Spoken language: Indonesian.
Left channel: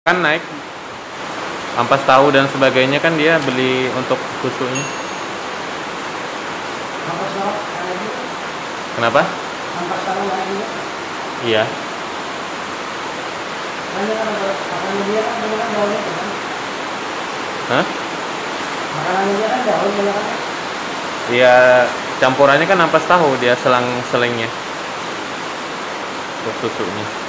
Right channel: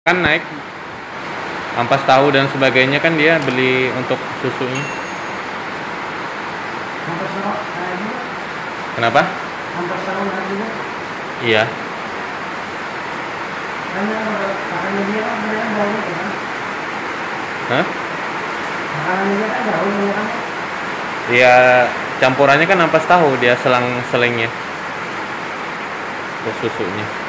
Kan naik ampas tahu dan sebagainya kan dia beli untuk susunya. Ampas tahu lagi. Kenapa? Ampas tahu lagi. Iya. Makanannya dia kan banyak daunnya kan? Hah? Makanannya dia kan daun banyak kan? Iya, campurannya kan ampas tahu dia selang-selingnya untuk susunya.